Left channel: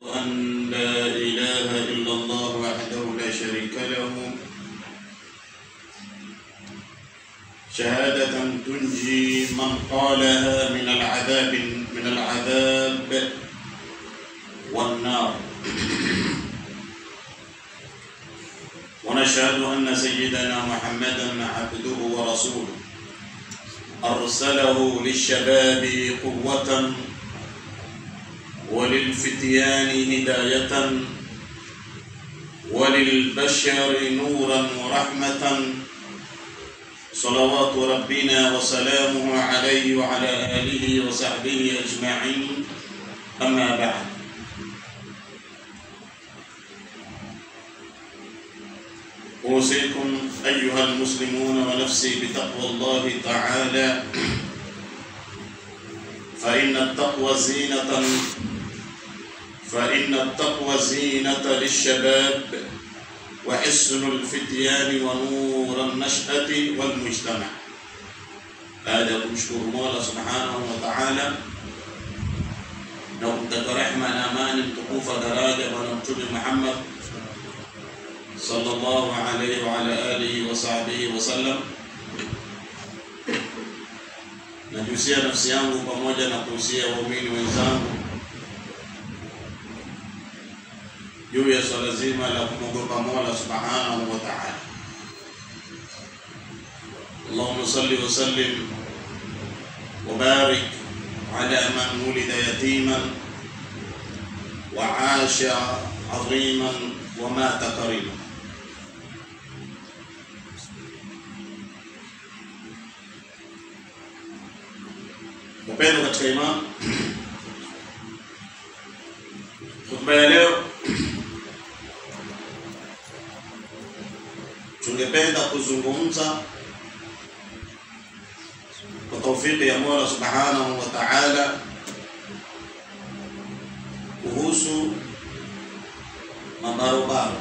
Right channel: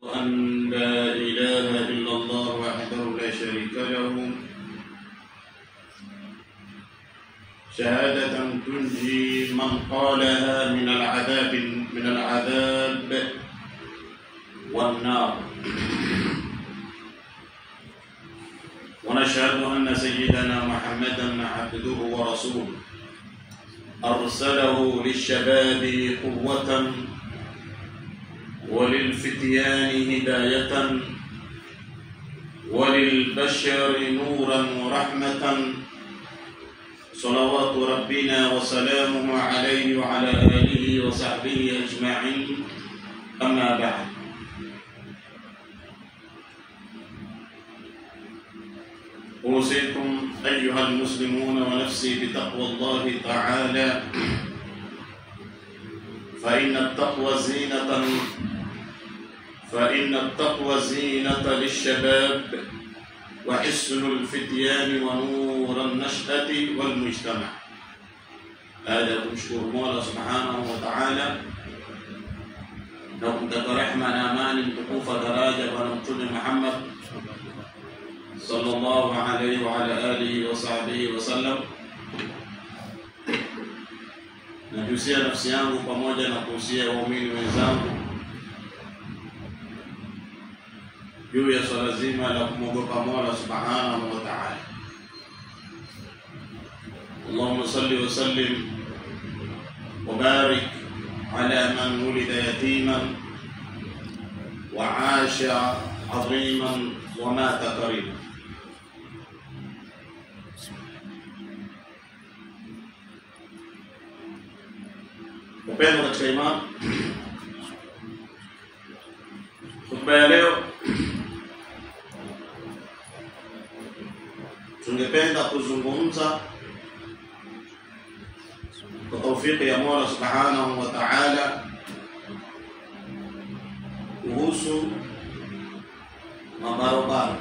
أن لا إله إلا الله وحده لا شريك له شهادة تنجي من قالها من العذاب والنار. ونشهد أن سيدنا محمدا عبده ورسوله أرسله للشباب قوة وللفتيان هداية وللبشر نورا ورحمة، صلوات ربنا وسلامه عليه وعلى آله وصحبه أجمعين. أما بعد، أوصيكم أيها المسلمون ونفسي بتقوى الله تعالى، فإن التقوى زينة للشباب وحسن الفتيان ونور النشأة والمجتمع. هذا kumshukuru Mola Subhanahu wa Ta'ala na kumtaka rehema na amani mtukufu daraja Bwana Mtume Muhammad sallallahu alayhi wa ala alihi wa sahbihi wa sallam. Najusia nafsi yangu pamoja na kuhusia waumini wenzangu juu ya swala zima la kumwogopa Mola Subhanahu wa Ta'ala. Allahumma salli wa sallim wa barik ala man wulida yatiman wa 'asha 'aziman wa mata kariman. Upendo katika imani. Khutba ya leo tungependa kuzungumza kwa taufiki ya Mola Subhanahu wa Ta'ala kuhusu mabarobaro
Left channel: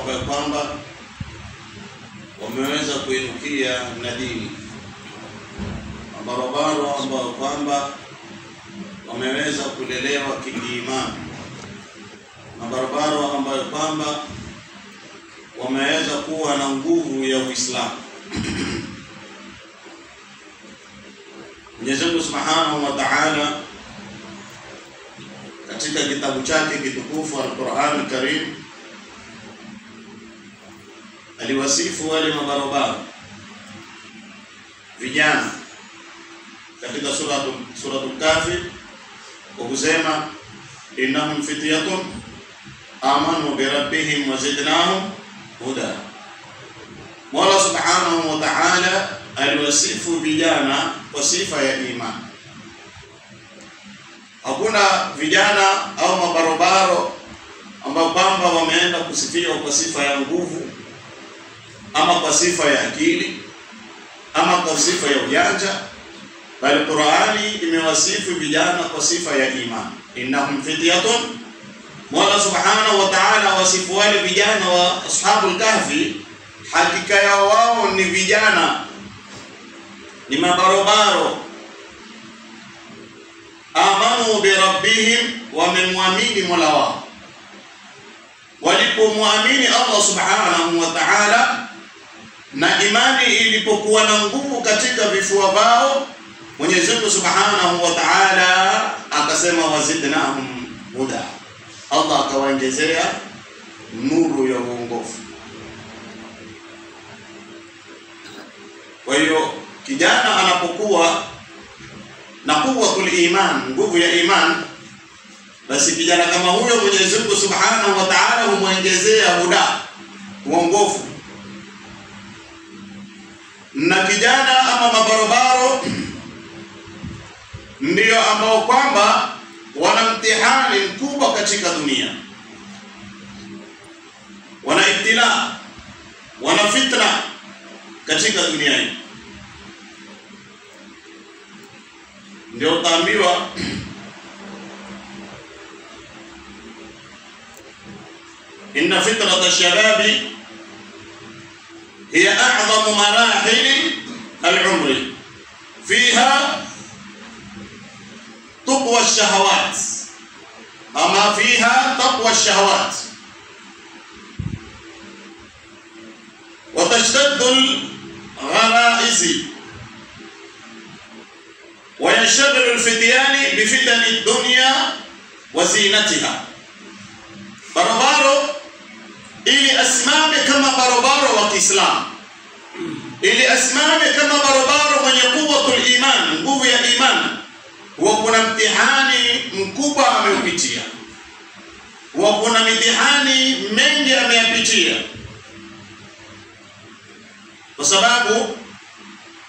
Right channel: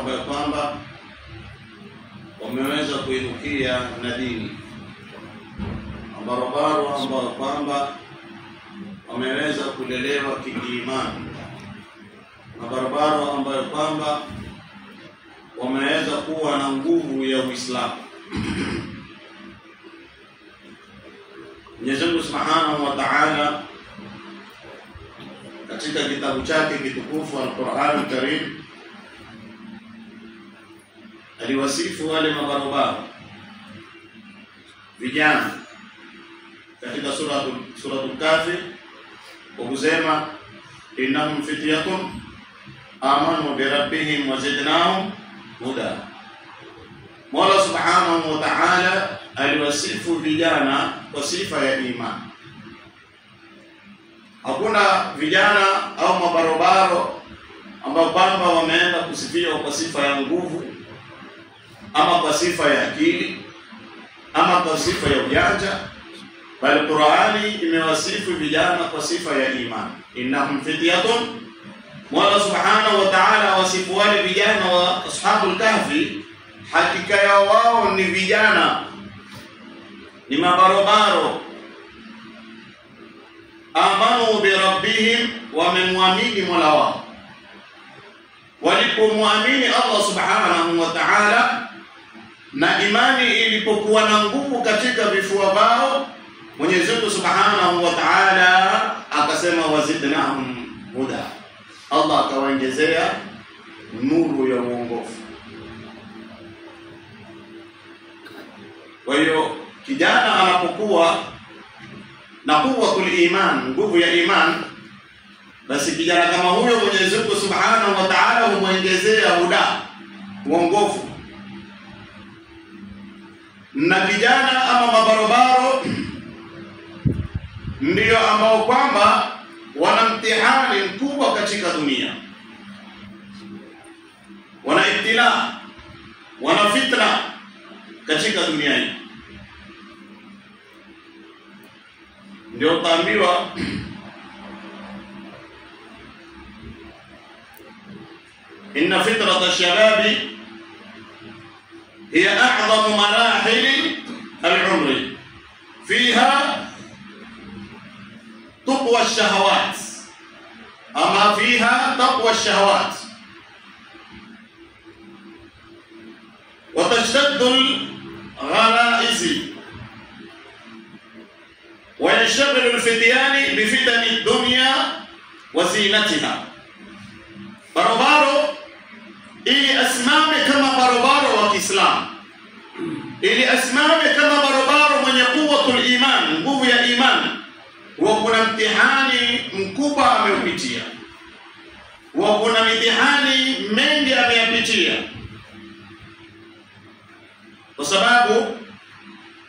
ambayo kwamba wameweza kuinukia na dini, mabarobaro ambao kwamba wameweza kulelewa kiimani, mabarobaro ambayo kwamba wameweza kuwa na nguvu ya Uislamu. Mwenyezi Mungu Subhanahu wa Ta'ala katika kitabu chake kitukufu Al-Qur'an Al-Karim aliwasifu wale mabarobaro vijana katika suratul Kahfi kwa kusema innahum fityatun amanu bi rabbihim wa zidnahum huda. Mola Subhanahu wa Ta'ala aliwasifu vijana kwa sifa ya imani. Hakuna vijana au mabarobaro ambao kwamba wameenda kusifiwa kwa sifa ya nguvu ama kwa sifa ya akili ama kwa sifa ya ujanja, bali Qur'ani imewasifu vijana kwa sifa ya imani. Innahum fityatun, Mola Subhanahu wa Ta'ala wasifu wale vijana wa ashabul kahfi, hakika ya wao ni vijana, ni mabarobaro. Amanu bi rabbihim, wamemwamini Mola wao. Walipomwamini Allah Subhanahu wa Ta'ala na imani ilipokuwa na nguvu katika vifua vao, Mwenyezi Mungu Subhanahu wa Ta'ala akasema wazidnahum huda, Allah akawaongezea nuru ya uongofu. Kwa hiyo kijana anapokuwa na quwwatul iman, nguvu ya iman, basi kijana kama huyo Mwenyezi Mungu Subhanahu wa Ta'ala humwongezea huda, uongofu. Na kijana ama mabarobaro ndio ambao kwamba wana mtihani mkubwa katika dunia, wana ibtila, wana fitna katika dunia hii. Ndio taambiwa inna fitrata shababi hiya a'zamu marahili al-umri fiha taqwa ash-shahawat, ama fiha taqwa ash-shahawat wa tashtaddu al-gharaiz wa yanshaghilu al-fityani bi fitani ad-dunya wa zinatiha. Barobaro ili asimame kama barobaro wa Kiislamu, ili asimame kama barobaro mwenye quwwatul iman, nguvu ya imani, wa kuna mtihani mkubwa ameupitia, wa kuna mitihani mengi ameyapitia, kwa sababu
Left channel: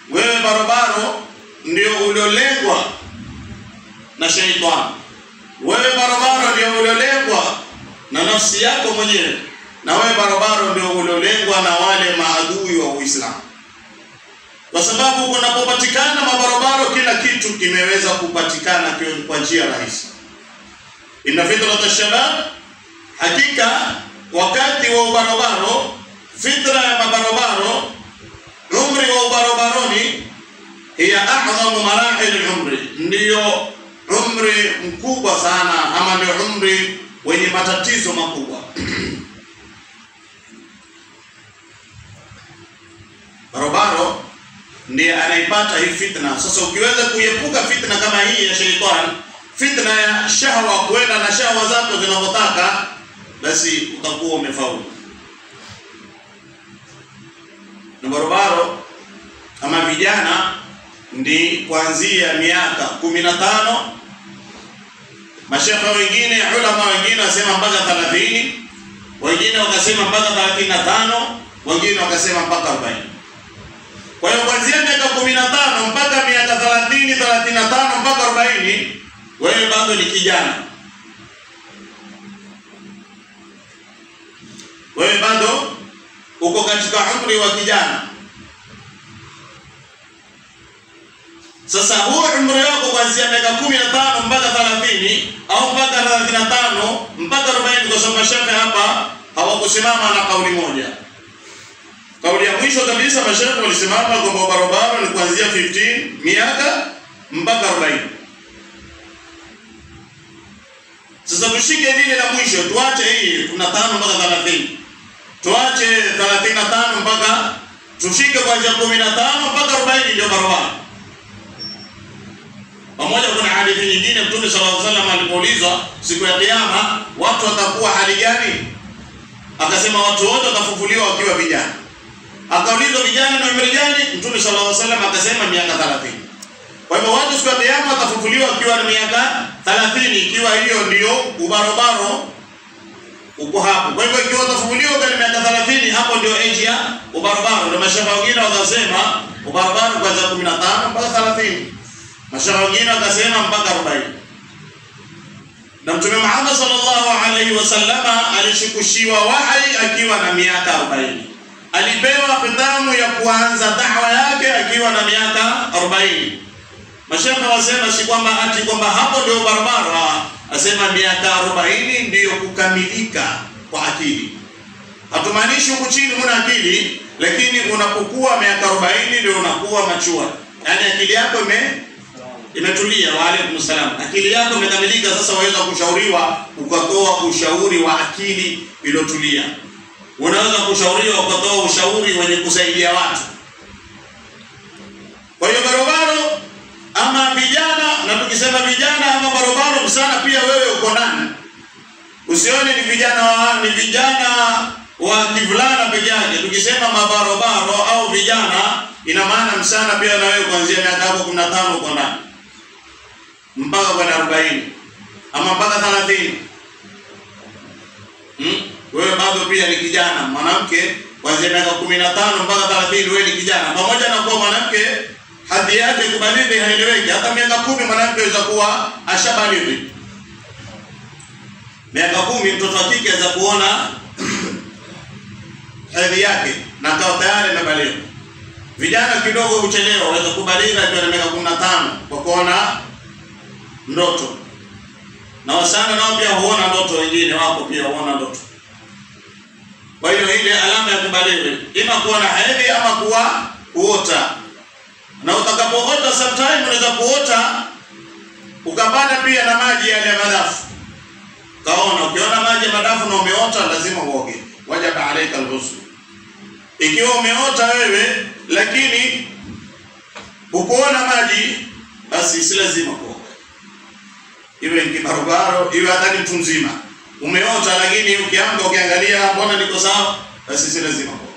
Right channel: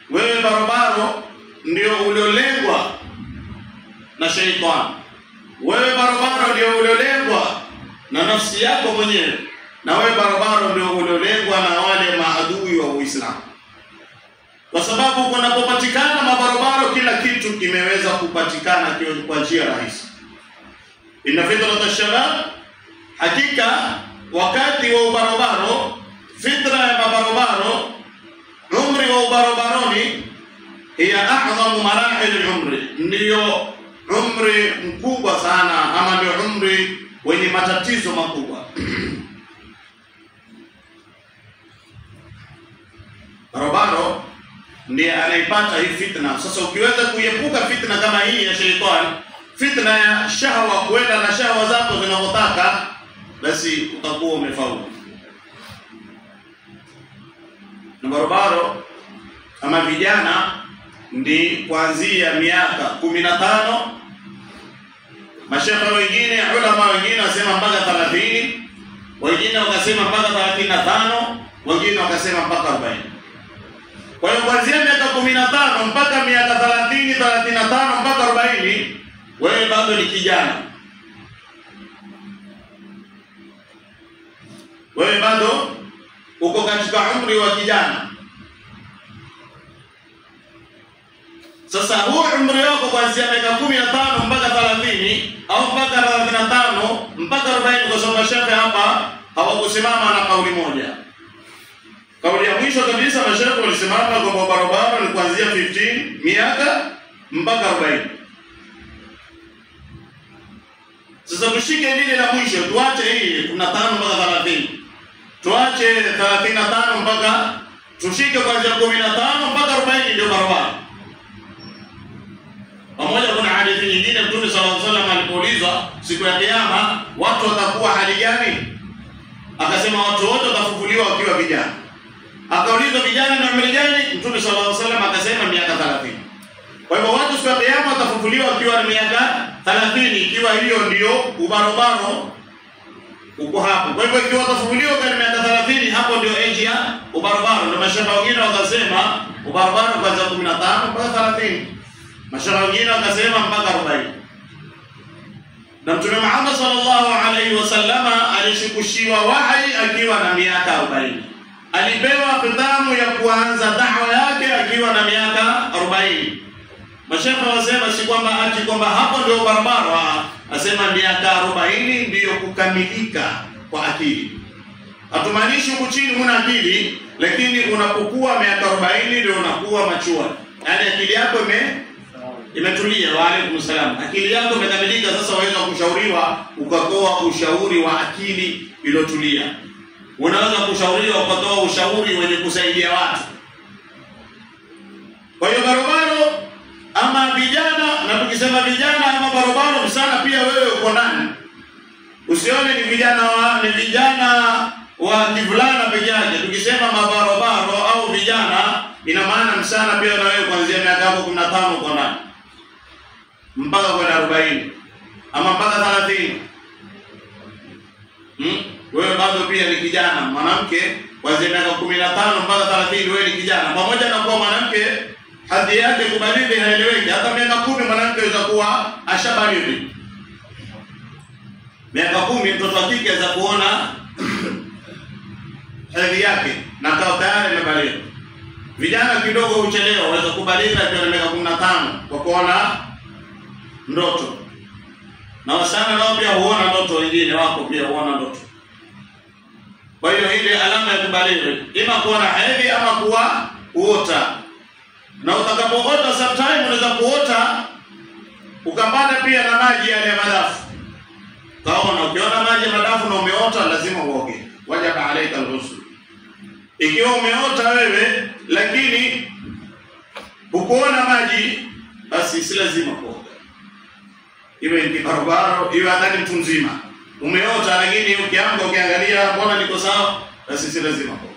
wewe barobaro ndio uliolengwa na shaitani. Wewe barobaro ndio uliolengwa na nafsi yako mwenyewe, na wewe barobaro ndio uliolengwa na wale maadui wa Uislamu. Kwa sababu kunapopatikana mabarobaro, kila kitu kimeweza kupatikana kwa njia rahisi. Inna fitrata shabab, hakika wakati wa ubarobaro, fitra ya mabarobaro, umri wa ubarobaroni, hiya a'zamu marahil al-umri, ndio umri mkubwa sana, ama ndio umri wenye matatizo makubwa. Barobaro ndiye anaipata hii fitna. Sasa ukiweza kuepuka fitna kama hii ya shaitani, fitna ya shahwa, kuenda na shahwa zako zinazotaka, basi utakuwa umefaulu. Na barobaro ama vijana ndi kuanzia miaka 15, mashekhe wengine, ulama wengine wasema mpaka 30, wengine wakasema mpaka 35, wengine wakasema mpaka 40. Kwa hiyo kuanzia miaka 15 mpaka miaka 30, 35 mpaka 40, wewe bado ni kijana. Wewe bado uko katika umri wa kijana. Sasa huo umri wako kuanzia miaka 15 mpaka 30 au mpaka 35 mpaka 40, kwa sababu mashaka hapa hawakusimama na kauli moja. Kauli ya mwisho kabisa mashaka walisimama kwamba barobaro ni kuanzia 15 miaka mpaka 40. Sasa tushike lile la mwisho, tuache hii 15 mpaka 30. Tuache 35 mpaka, tushike kuanzia 15 mpaka 40 ndio barobaro. Pamoja kuna hadithi nyingine Mtume sallallahu alaihi wasallam alipoulizwa siku ya kiyama watu watakuwa hali gani, akasema watu wote watafufuliwa wakiwa vijana. Akaulizwa vijana na umri gani, Mtume sallallahu alaihi wasallam akasema miaka 30. Kwa hivyo watu siku ya kiyama watafufuliwa wakiwa na miaka 30, ikiwa hiyo ndio ubarobaro uko hapo. Kwa hivyo ikiwa watafufuliwa kwa miaka 30, hapo ndio age ya ubarobaro. Ndio mashaka wengine wakasema ubarobaro kuanzia 15 mpaka 30. Mashaka wengine wakasema mpaka 40. Na Mtume Muhammad sallallahu alaihi wasallama alishukushiwa wahi akiwa na miaka 40. Alipewa khitamu ya kuanza da'wa yake akiwa na miaka 40. Mashaka wasema si kwamba ati kwamba hapo ndio barabara, asema miaka 40 ndio kukamilika kwa akili. Hatumaanishi huko chini huna akili, lakini unapokuwa miaka 40 ndio unakuwa machua. Yaani akili yako imetulia. Wa alaykum salam. Akili yako imekamilika, sasa waweza kushauriwa ukatoa ushauri wa akili iliyotulia. Unaweza kushauriwa ukatoa ushauri wenye kusaidia watu. Kwa hiyo barobaro ama vijana, na tukisema vijana ama barobaro sana pia wewe uko ndani. Usione ni vijana wa kivulana peke yake. Tukisema mabarobaro au vijana, ina maana msana pia na wewe kuanzia miaka 15 uko ndani mpaka kwenda 40 ama mpaka 30. Wewe bado pia ni kijana. Mwanamke kuanzia miaka 15 mpaka 30 wewe ni kijana. Pamoja na kuwa mwanamke hadhi yake kubalighi haieleweki, hata miaka 10 mwanamke anaweza kuwa ashabalighi. Miaka 10 mtoto wa kike anaweza kuona hadhi yake na kwa tayari amebalighi. Vijana kidogo uchelewa, waweza kubalighi akiwa na miaka 15 kwa kuona ndoto. Na wasana nao pia huona ndoto, wengine wako pia huona ndoto. Kwa hiyo ile alama ya kubalighi ima kuona hedhi ama kuota. Na utakapoota sometime unaweza kuota ukapata pia na maji yale ya madafu. Kaona ukiona maji ya madafu na umeota lazima uoge. Wajaba alayka al-ghusl. Ikiwa umeota wewe lakini hukuona maji, basi si lazima kuoga. Iwe ni barabara, iwe hata mtu mzima. Umeota lakini ukiamka ukiangalia mbona niko sawa, basi si lazima kuoga.